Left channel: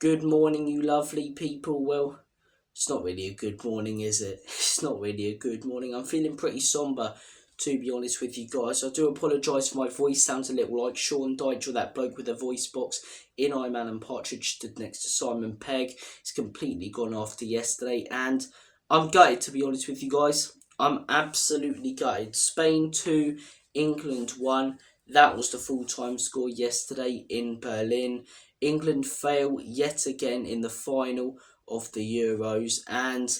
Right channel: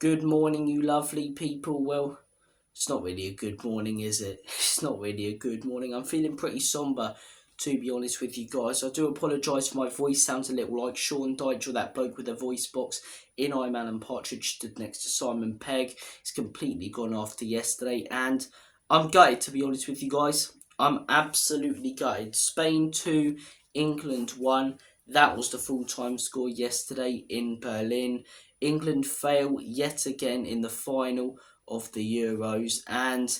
Good morning, you lovely people. Well, it's not really a good morning, is it? It's not really a good morning. I'm feeling pretty somber, to be honest with you guys. I do apologise for my voice. Sounds a little like Sean Dyche or that bloke with a voice box in I'm Alan Partridge stood next to Simon Pegg. It's completely gone after yesterday, and I'm gutted, to be honest with you guys. I'm absolutely gutted. Spain 2, England 1. That was the full-time score yesterday in Berlin. England fail yet again in the final of the Euros, and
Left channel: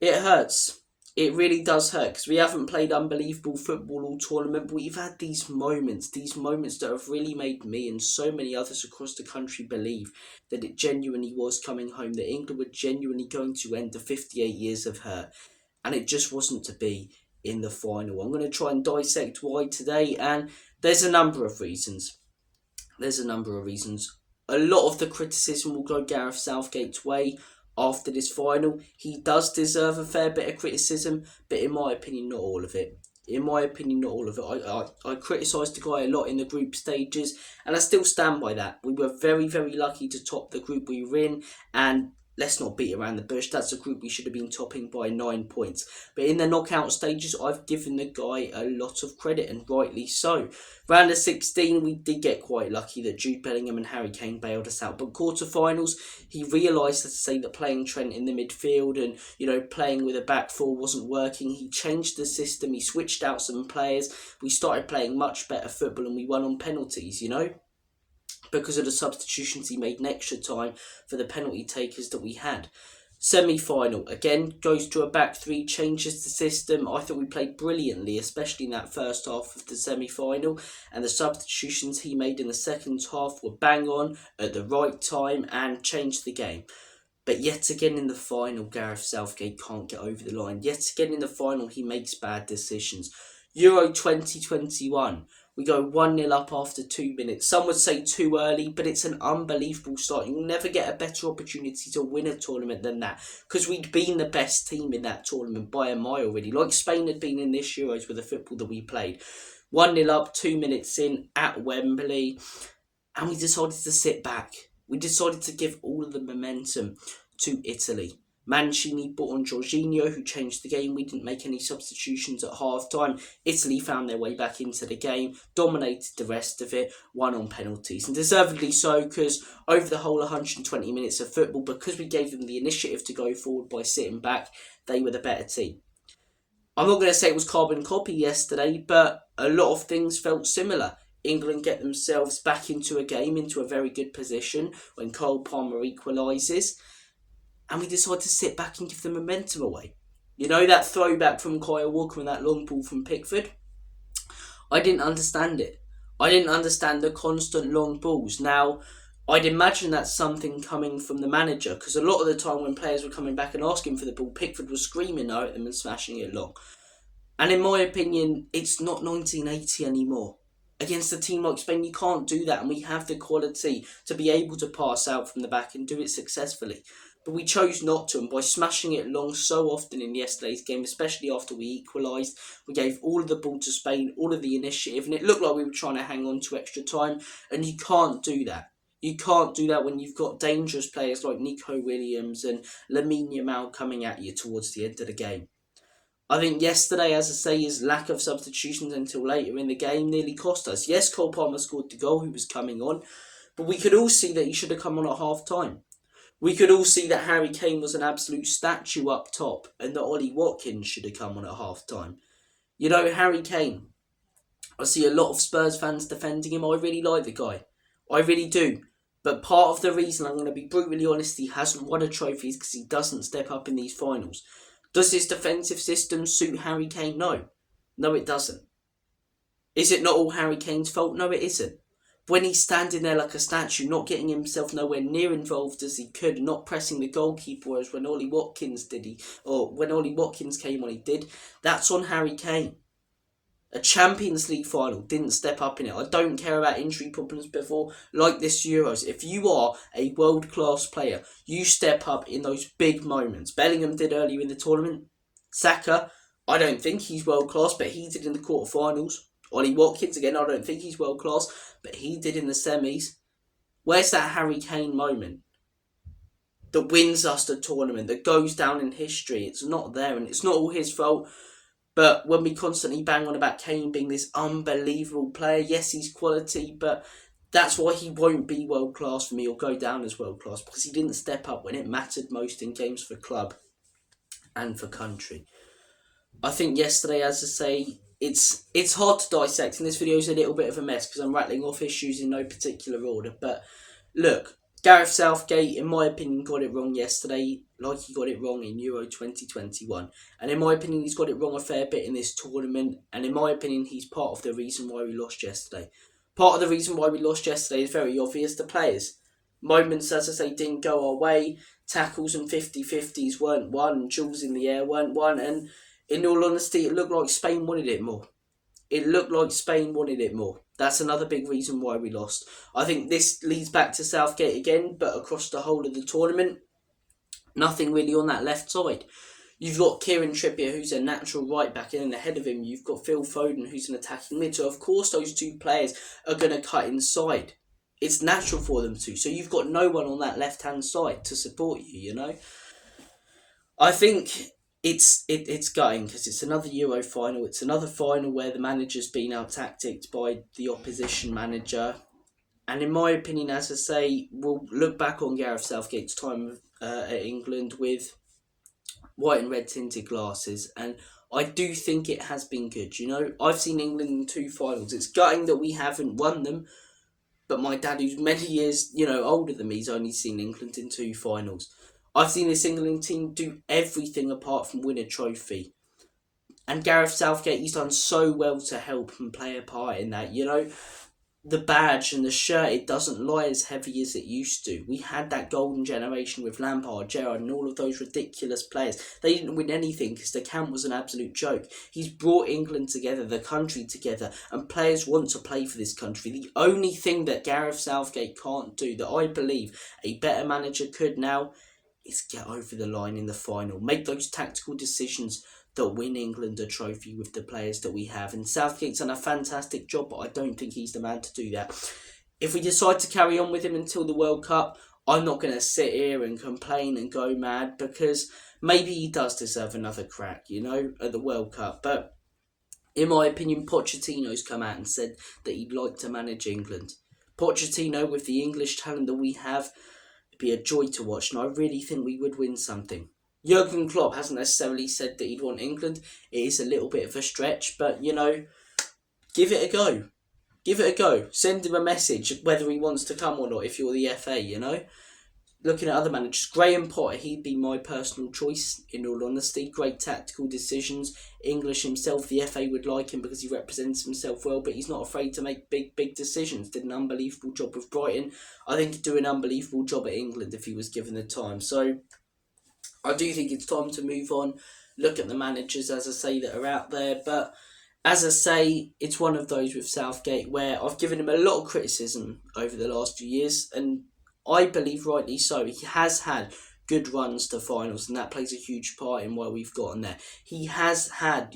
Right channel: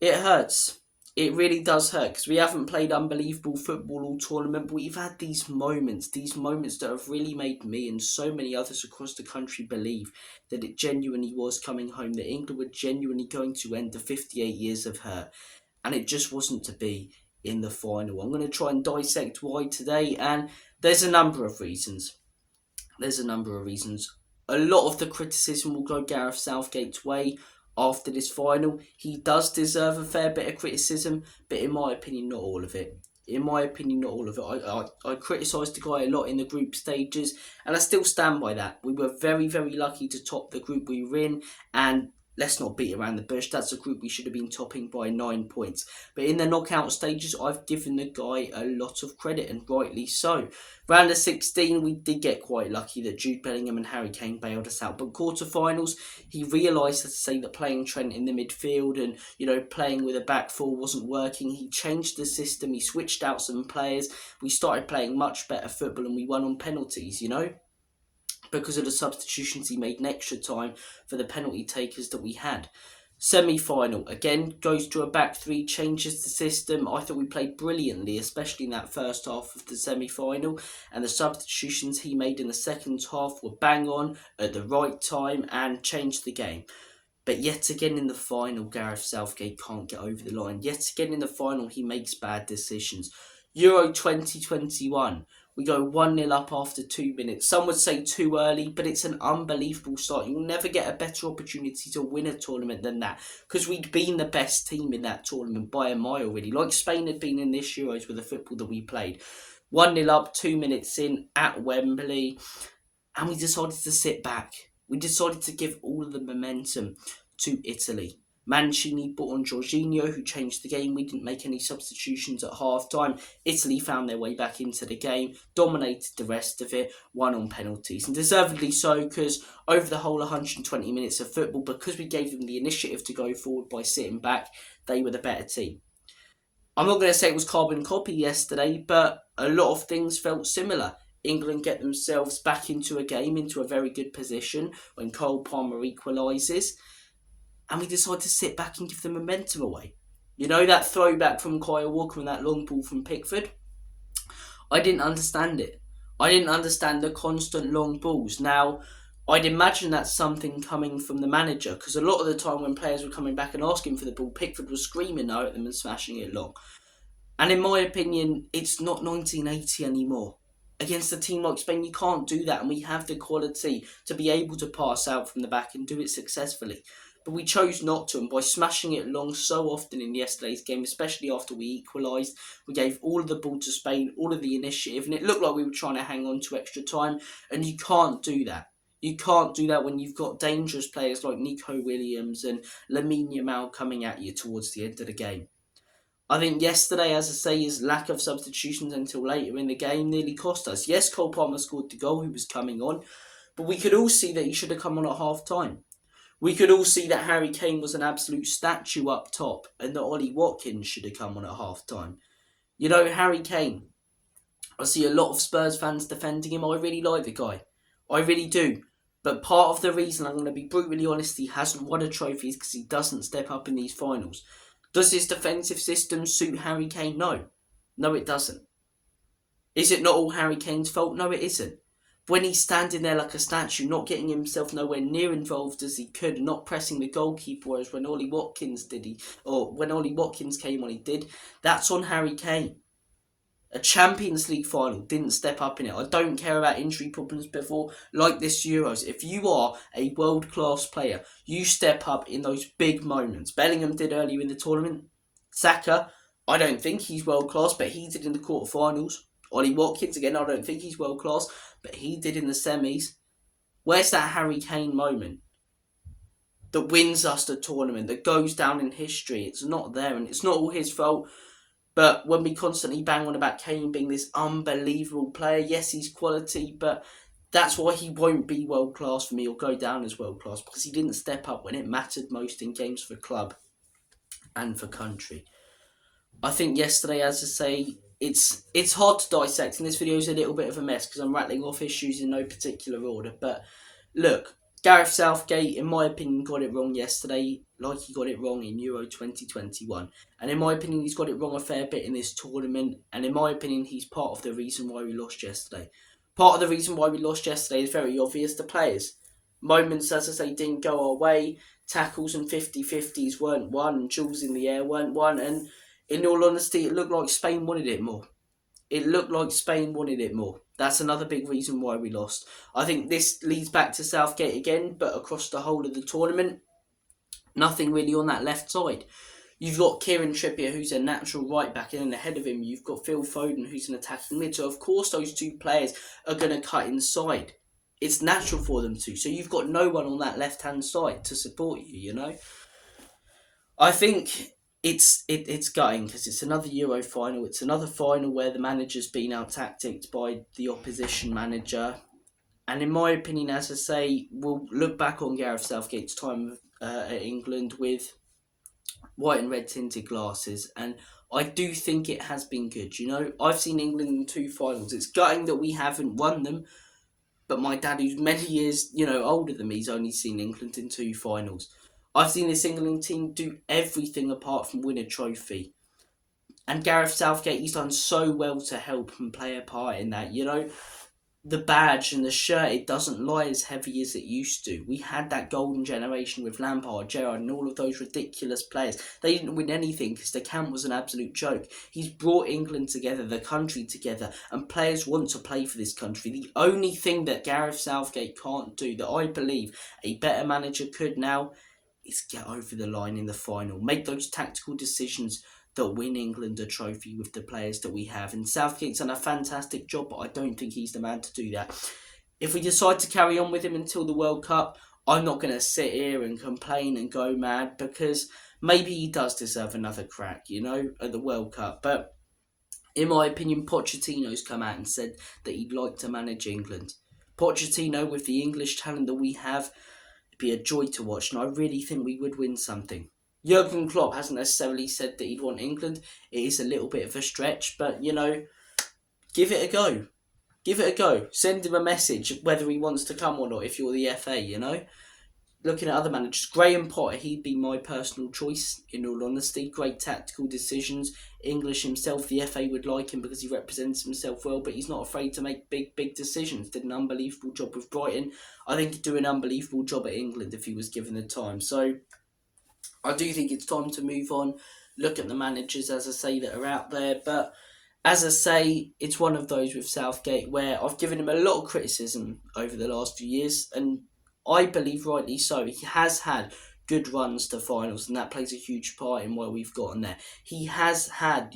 it hurts. It really does hurt because we haven't played unbelievable football all tournament, but we've had these moments that have really made me and so many others across the country believe that it genuinely was coming home, that England were genuinely going to end the 58 years of hurt, and it just wasn't to be in the final. I'm going to try and dissect why today, and there's a number of reasons. A lot of the criticism will go Gareth Southgate's way after this final. He does deserve a fair bit of criticism, but in my opinion, not all of it. I criticised the guy a lot in the group stages, and I still stand by that. We were very, very lucky to top the group we were in, and let's not beat around the bush. That's a group we should have been topping by 9 points. But in the knockout stages, I've given the guy a lot of credit, and rightly so. Round of 16, we did get quite lucky that Jude Bellingham and Harry Kane bailed us out. But quarterfinals, he realised, to say, that playing Trent in the midfield and, playing with a back four wasn't working. He changed the system. He switched out some players. We started playing much better football, and we won on penalties, because of the substitutions he made in extra time for the penalty takers that we had. Semi-final, again, goes to a back three, changes the system. I thought we played brilliantly, especially in that first half of the semi-final, and the substitutions he made in the second half were bang on at the right time and changed the game. But yet again in the final, Gareth Southgate can't get over the line. Yet again in the final, he makes bad decisions. Euro 2021, we go 1-0 up after 2 minutes. Some would say too early, but it's an unbelievable start. You'll never get a better opportunity to win a tournament than that, because we'd been the best team in that tournament by a mile, really. Like Spain had been in this Euros with the football that we played. 1-0 up, 2 minutes in at Wembley, and we decided to sit back. We decided to give all of the momentum to Italy. Mancini brought on Jorginho, who changed the game. We didn't make any substitutions at half-time. Italy found their way back into the game, dominated the rest of it, won on penalties. And deservedly so, because over the whole 120 minutes of football, because we gave them the initiative to go forward by sitting back, they were the better team. I'm not going to say it was carbon copy yesterday, but a lot of things felt similar. England get themselves back into a game, into a very good position when Cole Palmer equalises. And we decide to sit back and give the momentum away. That throwback from Kyle Walker and that long ball from Pickford? I didn't understand it. I didn't understand the constant long balls. Now, I'd imagine that's something coming from the manager, because a lot of the time when players were coming back and asking for the ball, Pickford was screaming no at them and smashing it long. And in my opinion, it's not 1980 anymore. Against a team like Spain, you can't do that, and we have the quality to be able to pass out from the back and do it successfully. But we chose not to, and by smashing it long so often in yesterday's game, especially after we equalised, we gave all of the ball to Spain, all of the initiative, and it looked like we were trying to hang on to extra time, and you can't do that. You can't do that when you've got dangerous players like Nico Williams and Lamine Yamal coming at you towards the end of the game. I think yesterday, as I say, his lack of substitutions until later in the game nearly cost us. Yes, Cole Palmer scored the goal, who was coming on, but we could all see that he should have come on at half-time. We could all see that Harry Kane was an absolute statue up top and that Ollie Watkins should have come on at half-time. Harry Kane, I see a lot of Spurs fans defending him. I really like the guy. I really do. But part of the reason, I'm going to be brutally honest, he hasn't won a trophy is because he doesn't step up in these finals. Does his defensive system suit Harry Kane? No. No, it doesn't. Is it not all Harry Kane's fault? No, it isn't. When he's standing there like a statue, not getting himself nowhere near involved as he could, not pressing the goalkeeper, whereas when Ollie Watkins when Ollie Watkins came on, he did, that's on Harry Kane. A Champions League final, didn't step up in it. I don't care about injury problems before, like this Euros. If you are a world-class player, you step up in those big moments. Bellingham did earlier in the tournament. Saka, I don't think he's world-class, but he did in the quarterfinals. Ollie Watkins, again, I don't think he's world-class, but he did in the semis. Where's that Harry Kane moment? that wins us the tournament, that goes down in history. It's not there, and it's not all his fault. But when we constantly bang on about Kane being this unbelievable player, yes, he's quality, but that's why he won't be world class for me or go down as world class, because he didn't step up when it mattered most in games for club and for country. I think yesterday, as I say, it's hard to dissect, and this video is a little bit of a mess because I'm rattling off issues in no particular order. But look, Gareth Southgate, in my opinion, got it wrong yesterday, like he got it wrong in Euro 2021. And in my opinion, he's got it wrong a fair bit in this tournament. And in my opinion, he's part of the reason why we lost yesterday. Part of the reason why we lost yesterday is very obvious. The players. Moments, as I say, didn't go our way. Tackles and 50-50s weren't won. Duels in the air weren't won. And in all honesty, it looked like Spain wanted it more. That's another big reason why we lost. I think this leads back to Southgate again, but across the whole of the tournament, nothing really on that left side. You've got Kieran Trippier, who's a natural right back, and then ahead of him, you've got Phil Foden, who's an attacking mid. So, of course, those two players are going to cut inside. It's natural for them to. So, you've got no one on that left-hand side to support you, you know. I think it's gutting because it's another Euro final. It's another final where the manager's been out-tacticked by the opposition manager. And in my opinion, as I say, we'll look back on Gareth Southgate's time at England with white and red tinted glasses, and I do think it has been good. You know, I've seen England in 2 finals. It's gutting that we haven't won them, but my dad, who's many years, older than me, he's only seen England in 2 finals. I've seen this England team do everything apart from win a trophy. And Gareth Southgate, he's done so well to help and play a part in that, The badge and the shirt, it doesn't lie as heavy as it used to. We had that golden generation with Lampard, Gerrard, and all of those ridiculous players. They didn't win anything because the camp was an absolute joke. He's brought England together, the country together, and players want to play for this country. The only thing that Gareth Southgate can't do, that I believe a better manager could now, is get over the line in the final. Make those tactical decisions that win England a trophy with the players that we have. And Southgate's done a fantastic job, but I don't think he's the man to do that. If we decide to carry on with him until the World Cup, I'm not going to sit here and complain and go mad, because maybe he does deserve another crack, at the World Cup. But in my opinion, Pochettino's come out and said that he'd like to manage England. Pochettino, with the English talent that we have, it'd be a joy to watch, and I really think we would win something. Jurgen Klopp hasn't necessarily said that he'd want England. It is a little bit of a stretch, but, give it a go. Give it a go. Send him a message whether he wants to come or not if you're the FA, Looking at other managers, Graham Potter, he'd be my personal choice, in all honesty. Great tactical decisions. English himself, the FA would like him because he represents himself well, but he's not afraid to make big decisions. Did an unbelievable job with Brighton. I think he'd do an unbelievable job at England if he was given the time. So I do think it's time to move on, look at the managers, as I say, that are out there. But as I say, it's one of those with Southgate where I've given him a lot of criticism over the last few years, and I believe rightly so. He has had good runs to finals, and that plays a huge part in why we've gotten there. He has had,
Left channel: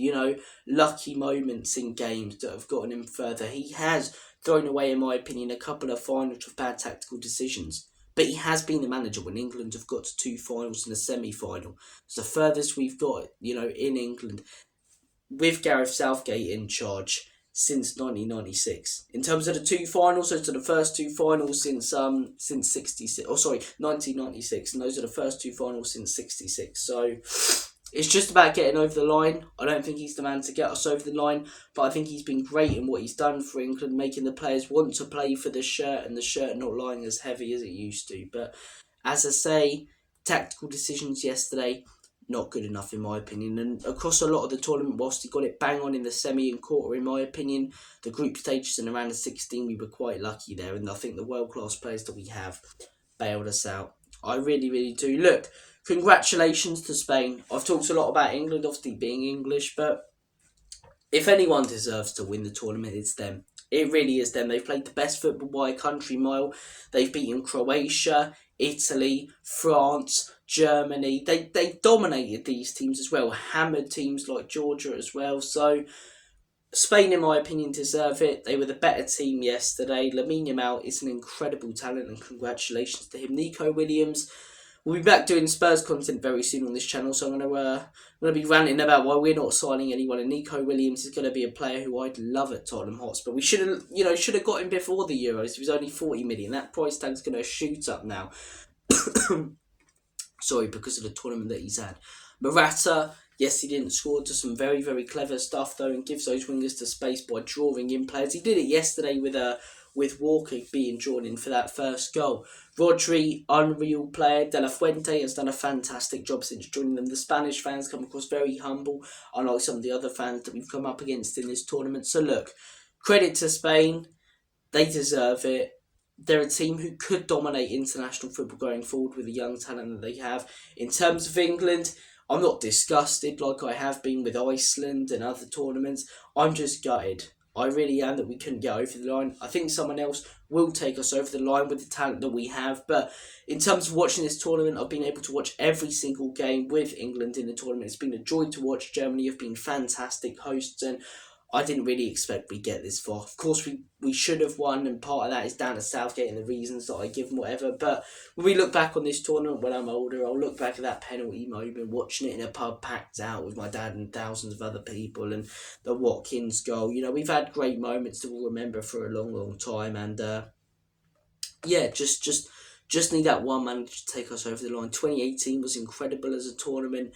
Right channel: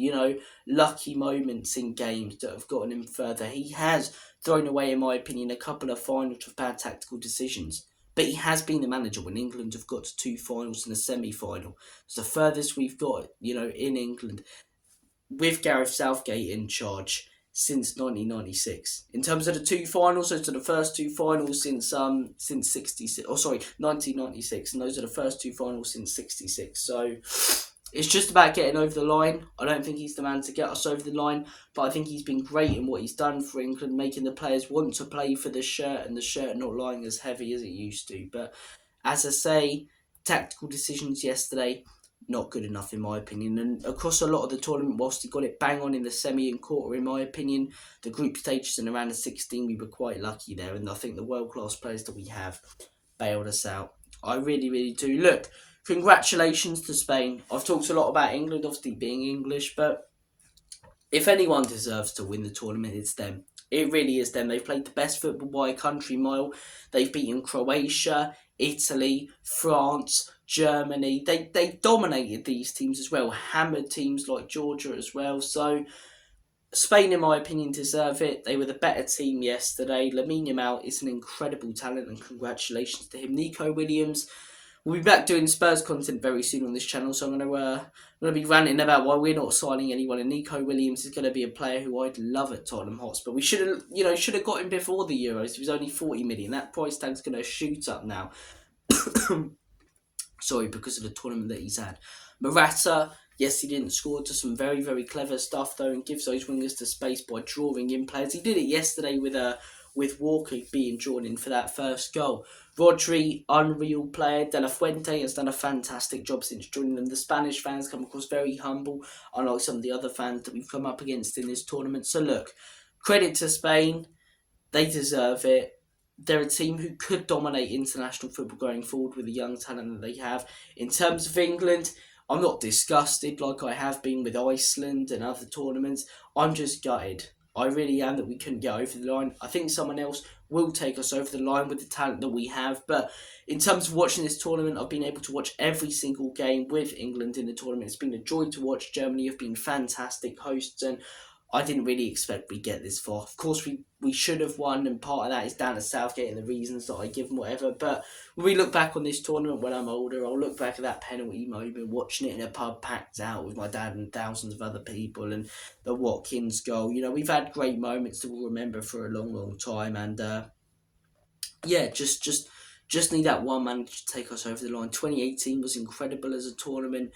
lucky moments in games that have gotten him further. He has thrown away, in my opinion, a couple of finals with bad tactical decisions. But he has been the manager when England have got to 2 finals and a semi-final. It's the furthest we've got, in England, with Gareth Southgate in charge since 1996. In terms of the 2 finals, those are the first 2 finals since 1996, and those are the first 2 finals since 66. So it's just about getting over the line. I don't think he's the man to get us over the line, but I think he's been great in what he's done for England, making the players want to play for the shirt, and the shirt not lying as heavy as it used to. But as I say, tactical decisions yesterday, not good enough in my opinion. And across a lot of the tournament, whilst he got it bang on in the semi and quarter, in my opinion, the group stages and around the 16, we were quite lucky there. And I think the world-class players that we have bailed us out. I really, really do. Look, congratulations to Spain. I've talked a lot about England, obviously being English, but if anyone deserves to win the tournament, it's them. It really is them. They've played the best football by a country mile. They've beaten Croatia, Italy, France, Germany. They dominated these teams as well. Hammered teams like Georgia as well. So Spain, in my opinion, deserve it. They were the better team yesterday. Lamine Yamal is an incredible talent, and congratulations to him. Nico Williams, We'll be back doing Spurs content very soon on this channel, so I'm gonna be ranting about why we're not signing anyone. And Nico Williams is going to be a player who I'd love at Tottenham Hotspur. We should have got him before the Euros. He was only 40 million. That price tag's going to shoot up now. Sorry, because of the tournament that he's had. Morata, yes, he didn't score, to some very, very clever stuff though, and gives those wingers to space by drawing in players. He did it yesterday with Walker being drawn in for that first goal. Rodri, unreal player. De La Fuente has done a fantastic job since joining them. The Spanish fans come across very humble, unlike some of the other fans that we've come up against in this tournament. So look, credit to Spain. They deserve it. They're a team who could dominate international football going forward with the young talent that they have. In terms of England, I'm not disgusted like I have been with Iceland and other tournaments. I'm just gutted. I really am that we couldn't get over the line. I think someone else will take us over the line with the talent that we have. But in terms of watching this tournament, I've been able to watch every single game with England in the tournament. It's been a joy to watch. Germany have been fantastic hosts, and I didn't really expect we'd get this far. Of course, we should have won, and part of that is down to Southgate and the reasons that I give him, whatever. But when we look back on this tournament when I'm older, I'll look back at that penalty moment, watching it in a pub packed out with my dad and thousands of other people, and the Watkins goal. We've had great moments that we'll remember for a long, long time. And just need that one man to take us over the line. 2018 was incredible as a tournament.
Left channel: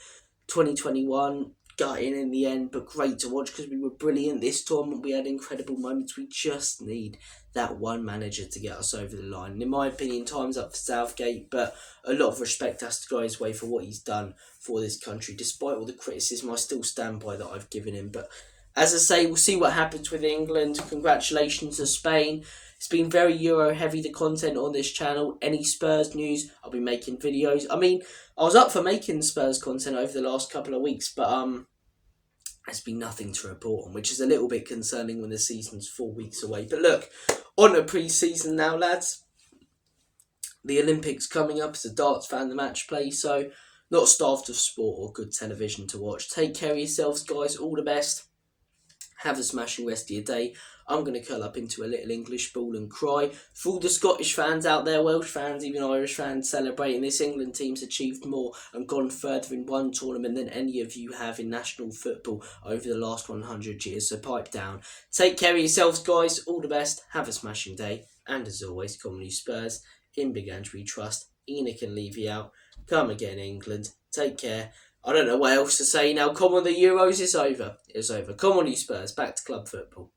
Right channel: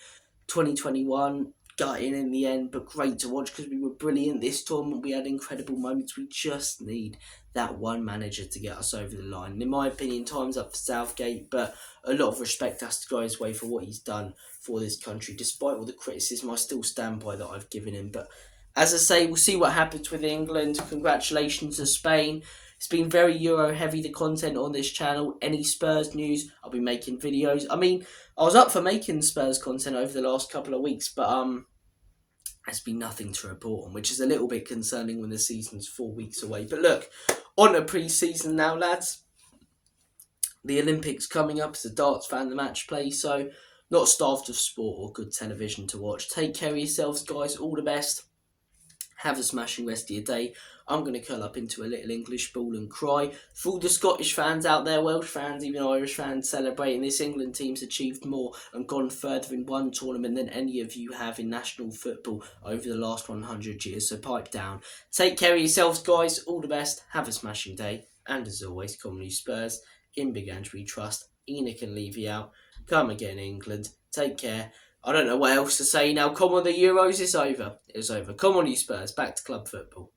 2021... got in the end, but great to watch because we were brilliant. This tournament we had incredible moments. We just need that one manager to get us over the line. And in my opinion, time's up for Southgate, but a lot of respect has to go his way for what he's done for this country. Despite all the criticism, I still stand by that I've given him. But as I say, we'll see what happens with England. Congratulations to Spain. It's been very Euro heavy, the content on this channel. Any Spurs news, I'll be making videos. I mean, I was up for making Spurs content over the last couple of weeks, but there's been nothing to report on, which is a little bit concerning when the season's 4 weeks away. But look, on to pre-season now, lads. The Olympics coming up. As a darts fan, the match play, so not starved of sport or good television to watch. Take care of yourselves, guys. All the best. Have a smashing rest of your day. I'm going to curl up into a little English ball and cry. For all the Scottish fans out there, Welsh fans, even Irish fans celebrating, this England team's achieved more and gone further in one tournament than any of you have in national football over the last 100 years. So pipe down. Take care of yourselves, guys. All the best. Have a smashing day. And as always, come on you Spurs. In Big Andrew trust. Enoch can leave you out. Come again, England. Take care. I don't know what else to say now. Come on, the Euros is over. It's over. Come on, you Spurs. Back to club football.